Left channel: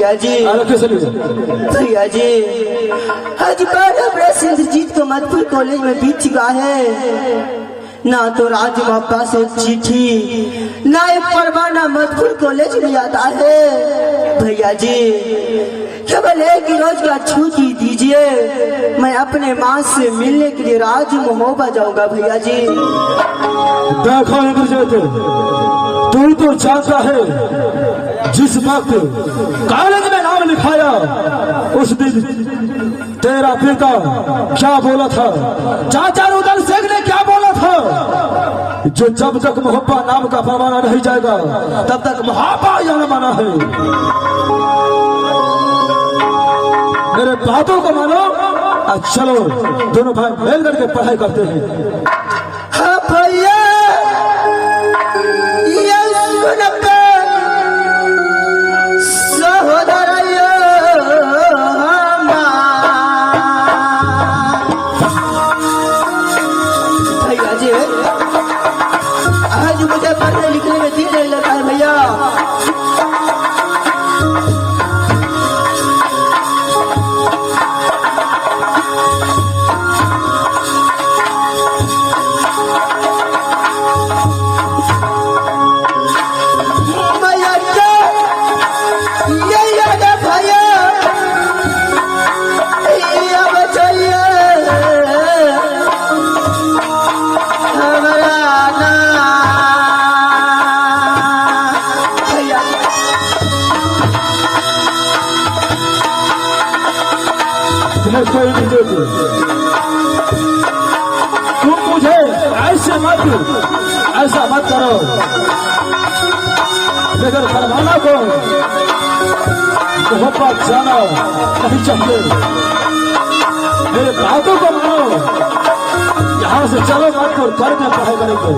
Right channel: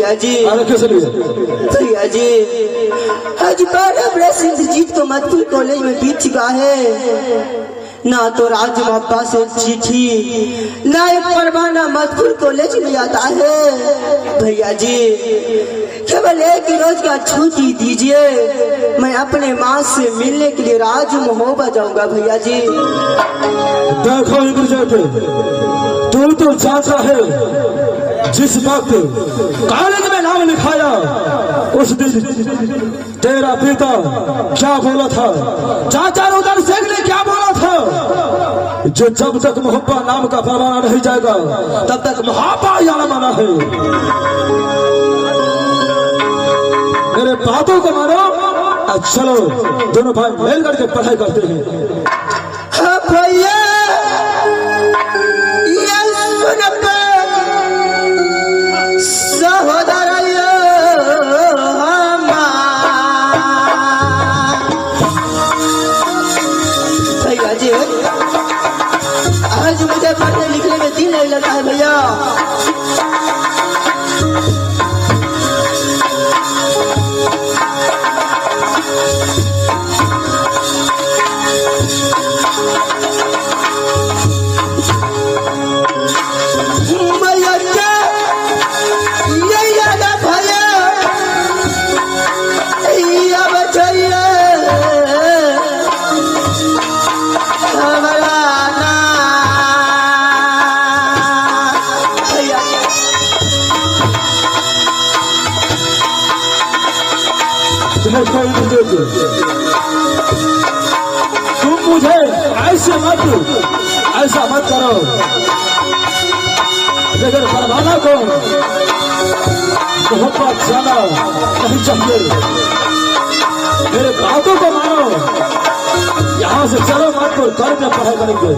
भैया जी। भैया जी आज बाबा सिंधजीत को मधुपुर कॉलेज में बीत चुका है। ना तो राज बाबा से चिट्ठी ना एक परवाना मधुपुर कॉलेज में आता है। भैया जी केवल एक रोज का छुट्टी दीजिए, मैं अपने माँ से मिलने के लिए राज महोबा जाऊंगा। भैया जी देखो तू तो चाचा है, जिस वक्त कॉलेज में नाम लिखाया उस दिन तेरा पिता क्या बोला था, चाचा उधर से ने क्या बोला था, जो जब तक मोहब्बा नाम का परवाना नहीं जाएगा तब तक मोहब्बा यहाँ माना है। मेरे बातों को मानो, चलो दोनों भाई मिल करके पढ़ाई करते हैं। हाँ भैया आज मुझे पढ़ने लिखने में दिल नहीं लगता है भैया। तुम मुझे ऐसा मत करो, मगर फरमाना को बहुत जाना नहीं चाहिए। मेरे बातों को मानो, यहाँ से चलो मत को कर में पढ़ाई करेंगे।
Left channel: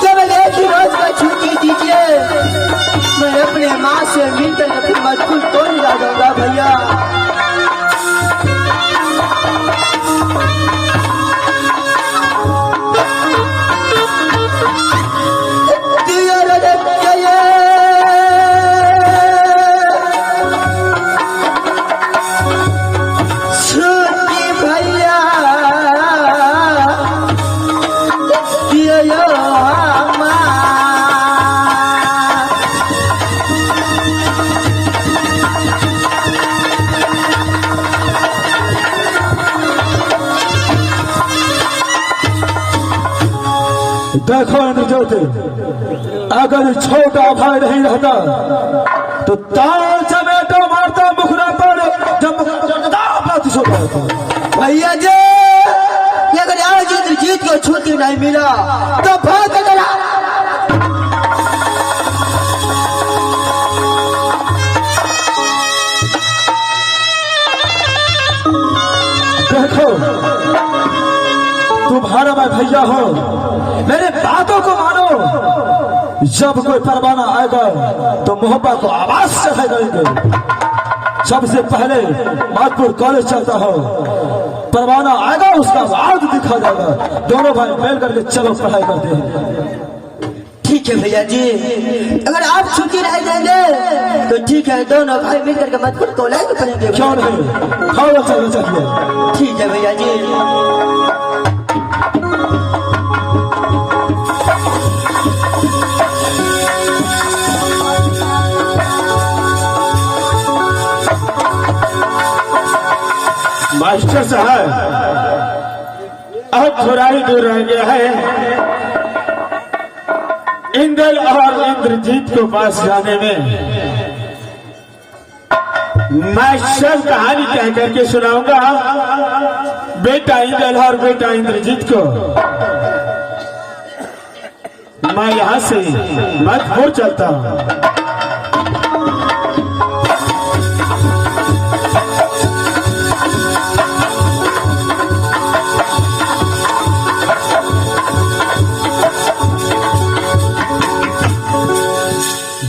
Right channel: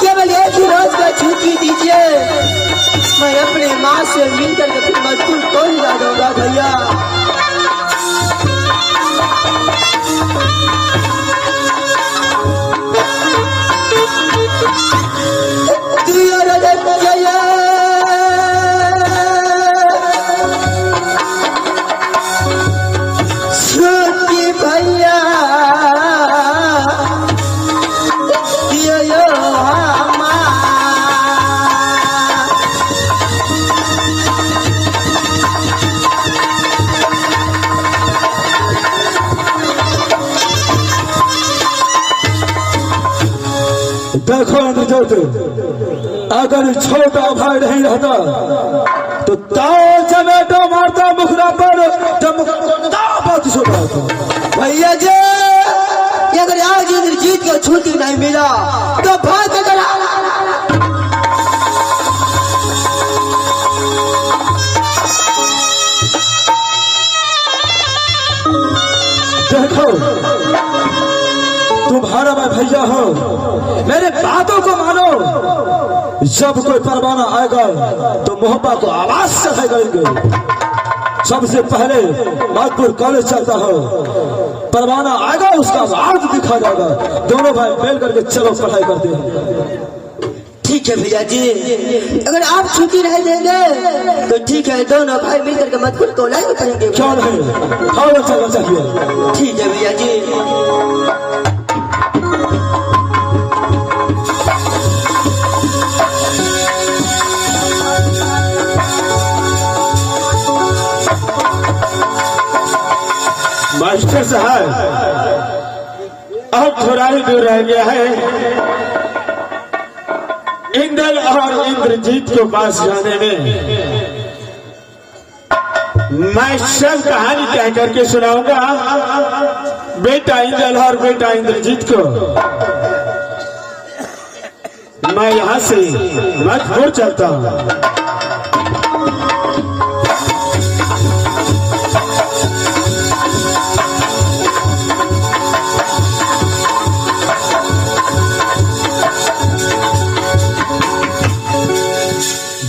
केवल एक ही रोज को छुट्टी दीजिए, मैं अपने माँ से मिलकर फिर मजबूर कौन जा दूंगा भैया। देखो निजोते, अगर छोटा भाई नहीं रहता तो ताव चमेटो मारता मुखराता भैया जी। अगर आज इंद्रजीत को छुट्टी नहीं मिला तो भाग गया। देखो तुम्हारे मैं भैया हो, मेरे बातों को मानो। जब कोई परवाना आएगा तो मोहब्बा को आवाज से भगाएंगे। सबसे पहले मधुपुर कॉलेज चलता है, परवाना आएगा उसका राज दिखा जाएगा। दोनों भाई मिल करके चलो पढ़ाई करते हैं। ठीक है भैया जी, अगर आप छुट्टी नहीं देंगे तो ठीक है, दोनों भाई मिलकर के मधुपुर कॉलेज में पढ़ेंगे। क्यों नहीं, चलना चाहिए। ठीक है भैया जी। थोड़ा ही दूर रह गया है इंद्र और इंद्रजीत को पास जाने में। मैं सब कहानी कह करके सुनाऊंगा बेटा इंद्र और बेटा इंद्रजीत को। मैं यहाँ से नागपुर चलता हूँ।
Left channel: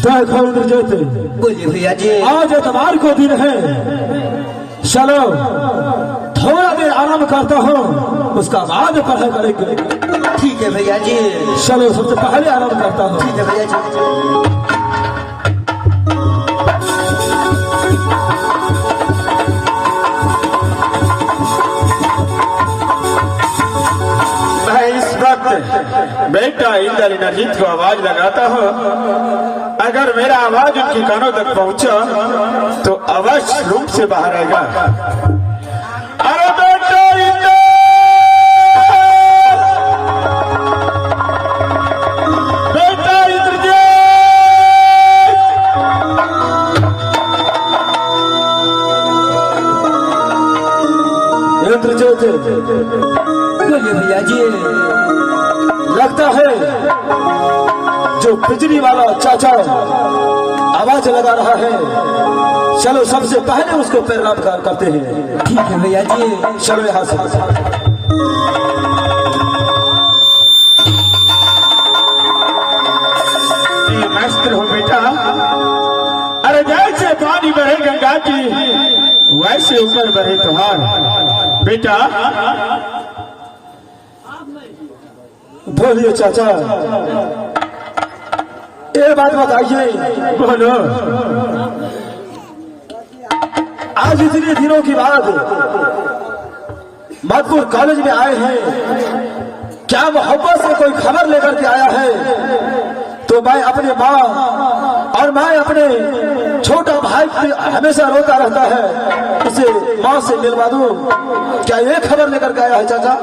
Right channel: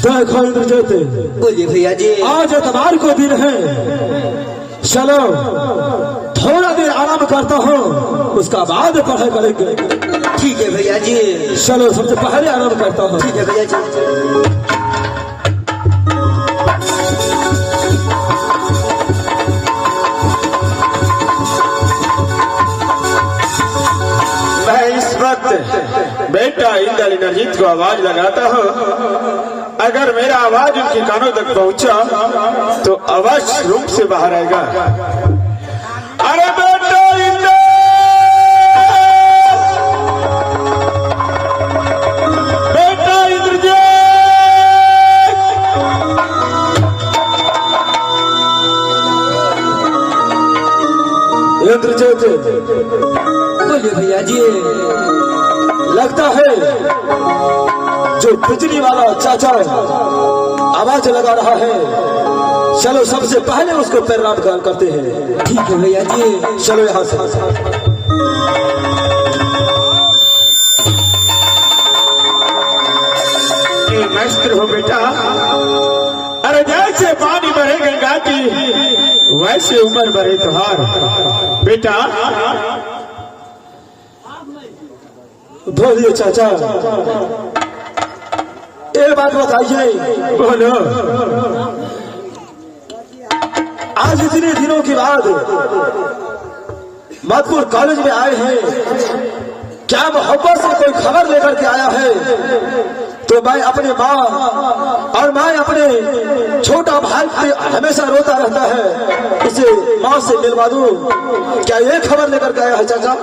देखो इंद्रजीत, बोलिए भैया जी। आज इतवार को दिन है, चलो थोड़ा देर आराम करता हूँ, उसका बाद पढ़ाई करेंगे। ठीक है भैया जी। चलो सबसे पहले आराम करता हूँ। ठीक है भैया जी। मैं इस वक्त बेटा इंद्रजीत को आवाज लगाता हूँ। अगर मेरा आवाज उनके कानों तक पहुंचा तो अवश्य रूप से बाहर आएगा। अरे बेटा इंद्र, बेटा इंद्रजीत, बोलिए भैया जी। लगता है जो बिजली वाला चाचा आवाज लगा रहा है, चलो सबसे पहले उसको प्रणाम करते हैं। ठीक है भैया जी। चलो यहाँ से। मस्त हो बेटा। अरे जैसे पानी बढ़े गंगा की, वैसे उम्र बढ़े तुम्हार। बेटा बोलिए चाचा, एक बात बताइए। बोलो। आज इतने दिनों के बाद मधुपुर कॉलेज में आए हैं, क्या मोहब्बत से कोई खबर लेकर के आया है? तो मैं अपने माँ और मैं अपने छोटा भाई पे हमेशा रोता रहता है, इसे माँ से मिलवा दूं। क्या ये खबर लेकर के आया है चाचा?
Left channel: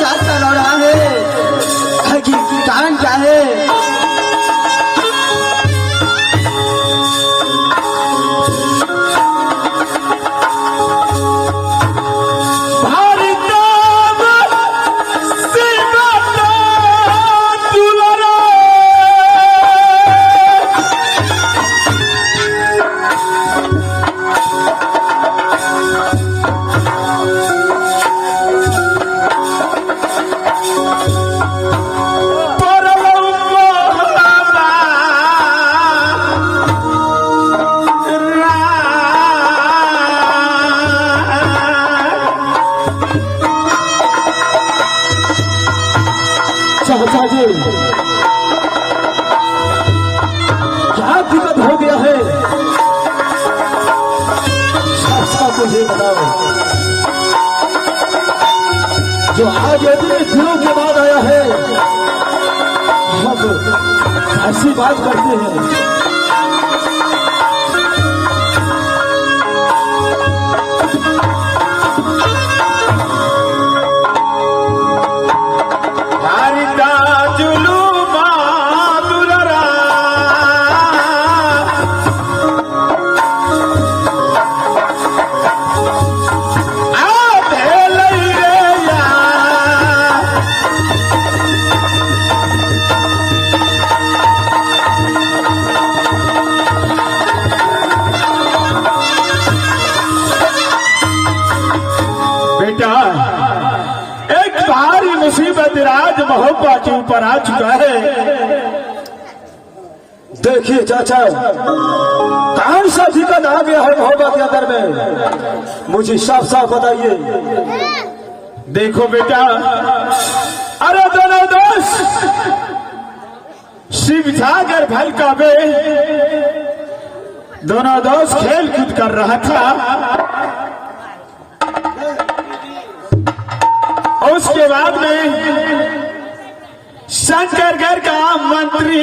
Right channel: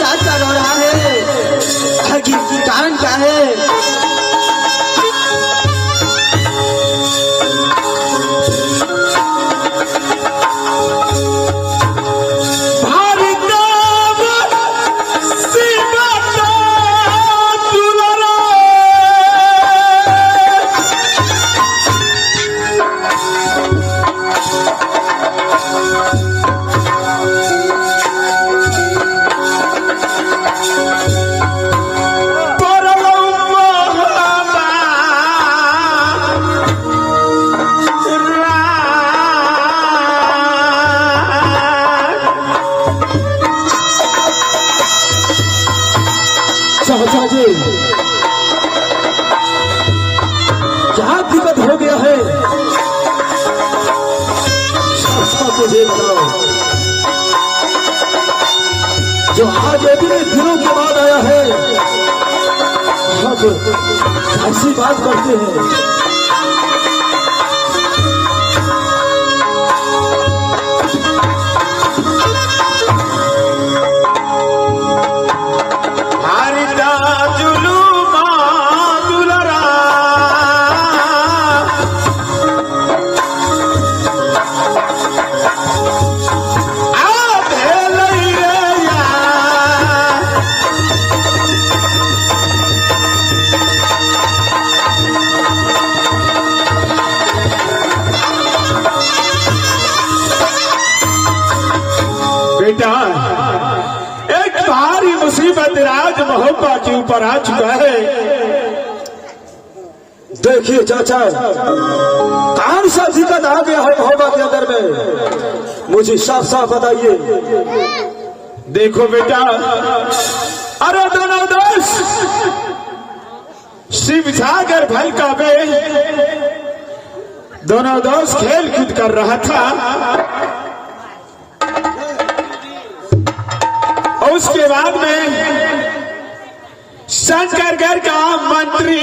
चाचा रहा है, कारण क्या है? चाचा जी क्या दिक्कत हो गया है? मुझे बताओ। जो आज इतने दिनों के बाद आया है, ऐसी बात करते हैं। बेटा एक भारी मुसीबत राज महोबा के ऊपर आ चुका है। देखिए चाचा, कौन सा दिक्कत आ गया है महोबा के अंदर में, मुझे साफ साफ बताइए। देखो बेटा, अरे दोनों दोस्त शिव सागर भलका में दोनों दोस्त खेल कूद कर रहा था। और उसके बाद में शंकरगढ़ का मंत्री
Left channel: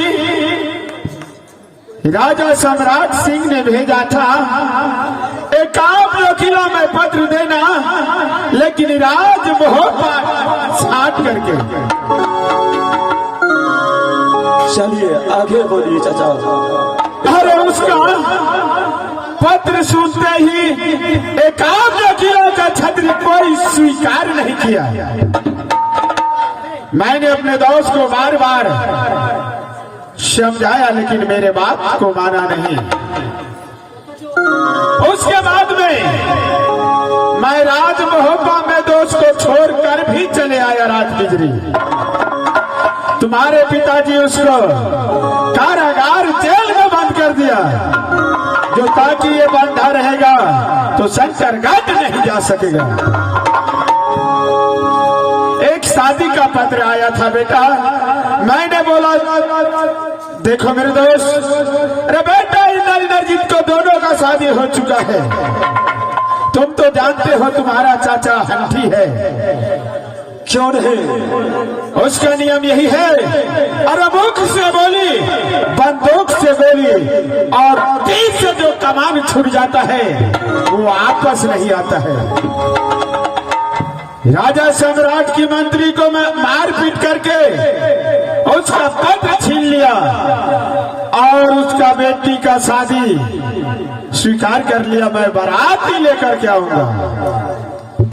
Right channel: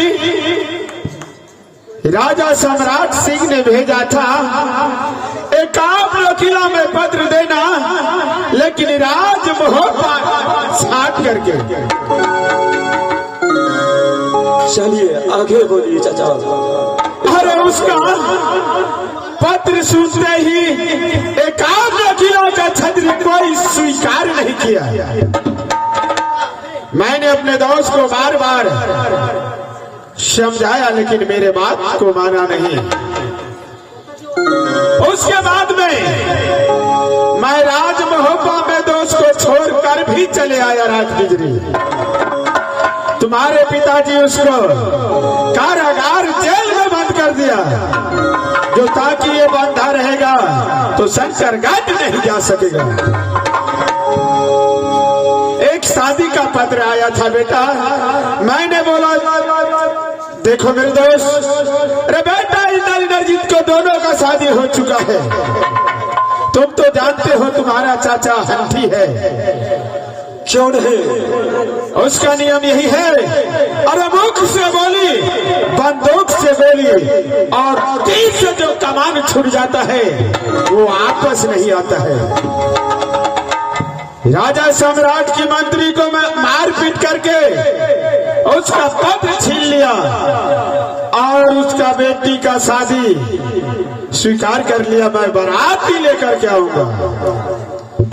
राजा सम्राट सिंह ने भेजा था एकाब वकीलों में पत्र देना, लेकिन राजमहोत्सव साथ करके। चलिए आगे बोलिए चाचा। और उसका पत्र सुनते ही एकाब वकीलों का छत्र कोई स्वीकार नहीं किया। मैंने अपने दोस्त को बार बार समझाया, लेकिन मेरे बात को माना नहीं। उसके बाद में मैं राजमहोत्सव में दोस्त को छोड़कर भी चले आया रात गुजरी। तुम्हारे पिताजी उसको कारागार जेल में बंद कर दिया, जो ताकि ये बंधा रहेगा तो शंकरगढ़ नहीं जा सकेगा। एक शादी का पत्र आया था बेटा। मैंने बोला देखो मेरे दोस्त, अरे बेटा इंद्रजीत को दोनों का शादी हो चुका है। तुम तो जानते हो तुम्हारा चाचा हंठी है, क्यों नहीं? उसका नियम यही है, अरे मुख से बोली बंदूक से बोली और तीर से जो कमान छूट जाता है वो वापस नहीं आता है। राजा सम्राट की मंत्री को मैं मारपीट करके उसका पत्र छीन लिया और उसका बेटी का शादी स्वीकार कर लिया। मैं बारात ही लेकर के आऊंगा।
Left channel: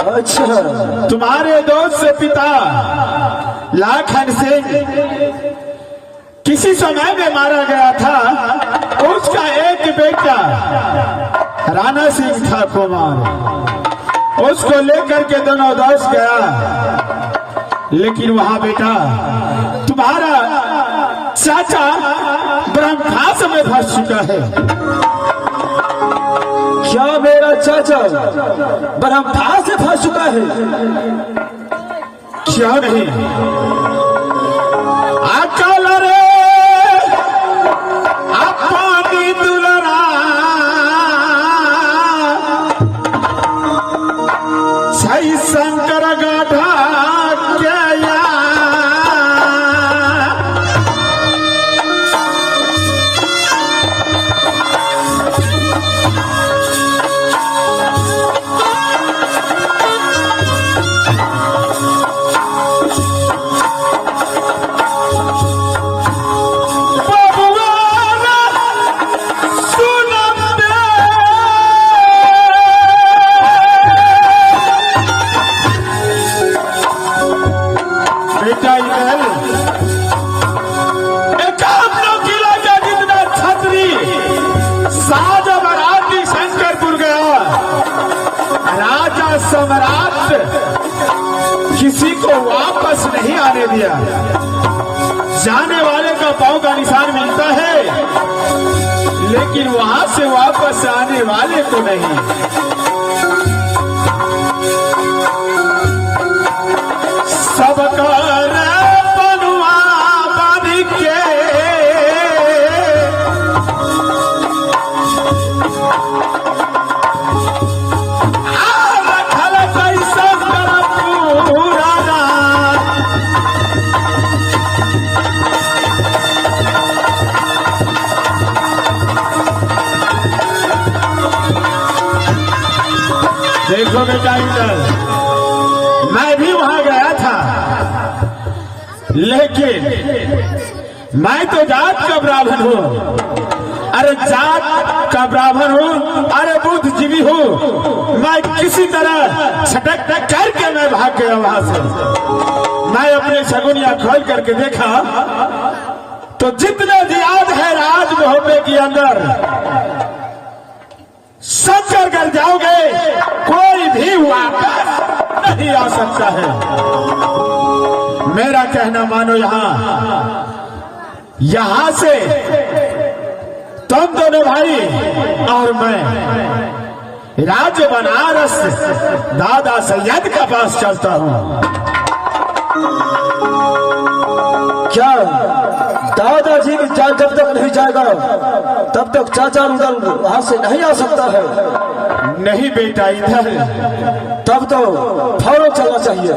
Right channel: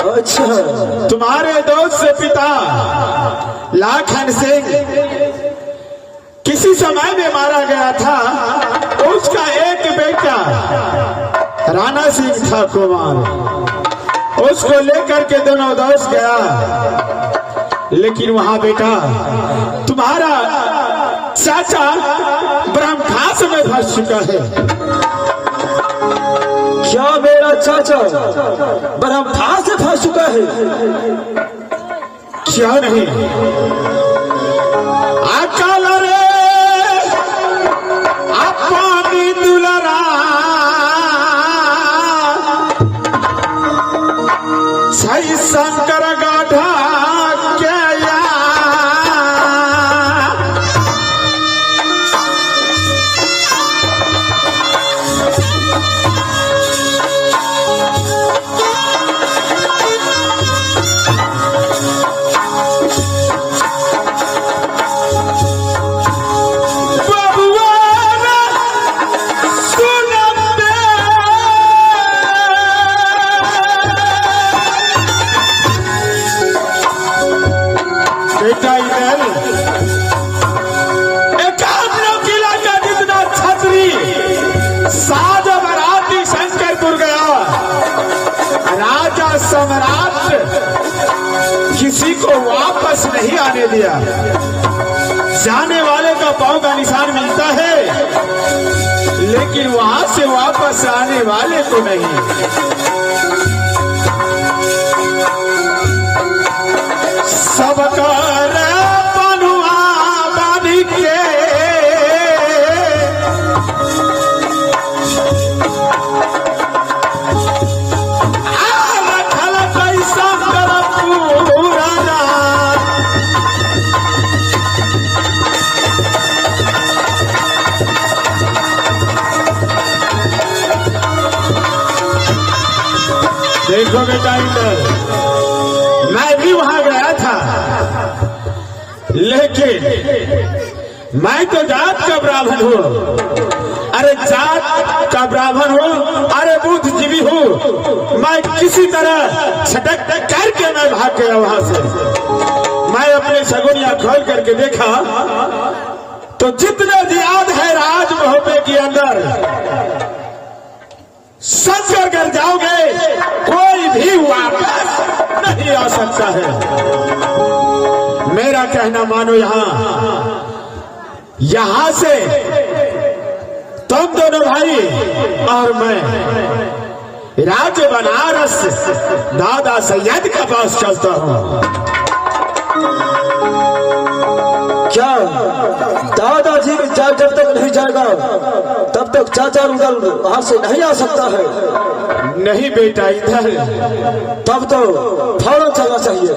अच्छा, तुम्हारे दोस्त से पिता लाखन सिंह किसी समय में मारा गया था। उसका एक बेटा राणा सिंह था कुमार, उसको लेकर के दोनों दोस्त गया, लेकिन वहां बेटा तुम्हारा चाचा ब्रह्मघास में फंस चुका है। क्या मेरा चाचा ब्रह्मघास से फंस चुका है? क्या नहीं? अकल रे अपनी दुलरा सही शंकर गाढ़ा किसी को वापस नहीं आने दिया। जाने वाले का पांव का निशान मिलता है, लेकिन वहां से वापस आने वाले को नहीं। सबका बनुआ बन के देखो बेटा, मैं भी वहां गया था, लेकिन मैं तो जात का ब्राह्मण हूँ। अरे जात का ब्राह्मण हूँ, अरे बुद्धिजीवी हूँ। मैं किसी तरह छटक करके मैं भाग गया वहां से। मैं अपने सगुनिया खोल करके देखा तो जितने याद है राजमहोत्सव के अंदर शंकरगढ़ जाओगे कोई भी वापस नहीं आ सकता है। मेरा कहना मानो, यहां से तुम दोनों भाई और मैं राज बनारस दादा सैयद के पास चलता हूं। क्या दादाजी जब तक नहीं जाएगा तब तक चाचा रुदल वहां से नहीं आ सकता है? नहीं बेटा, इधर तब तो फौरन चलना चाहिए।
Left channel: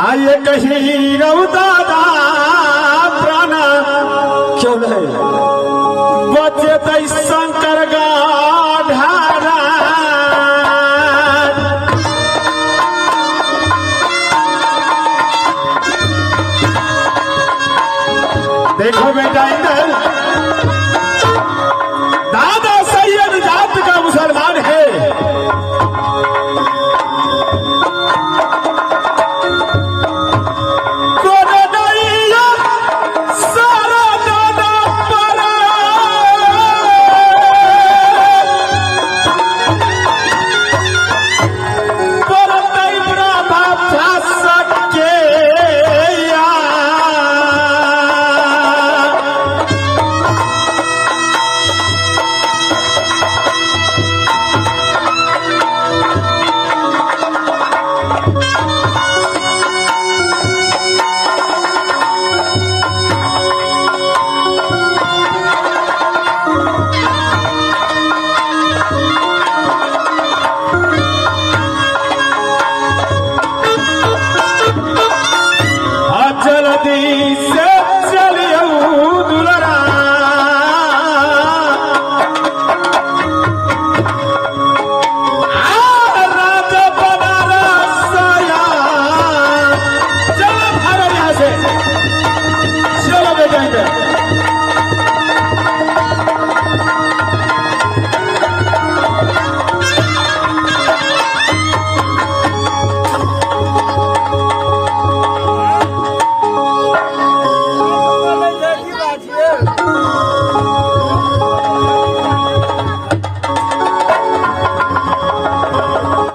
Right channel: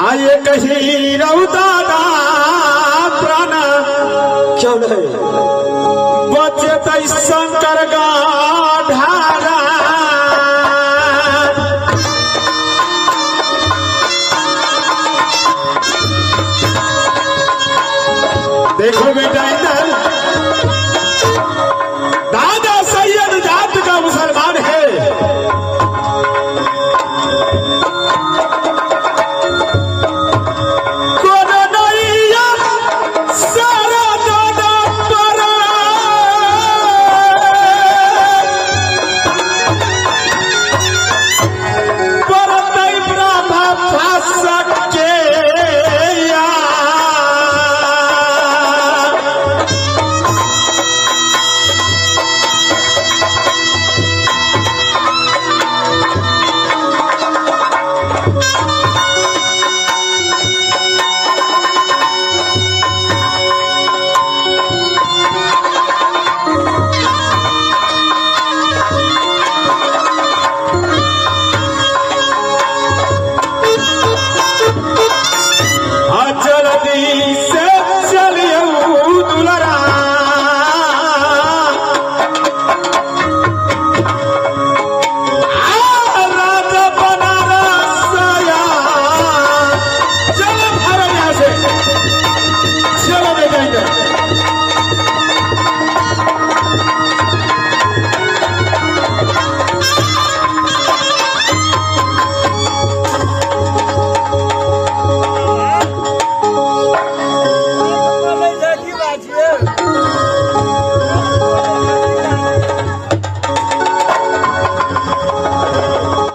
आइए कहीं रहू दादा प्राण क्यों नहीं? बचे तो शंकर धारा। देखो बेटा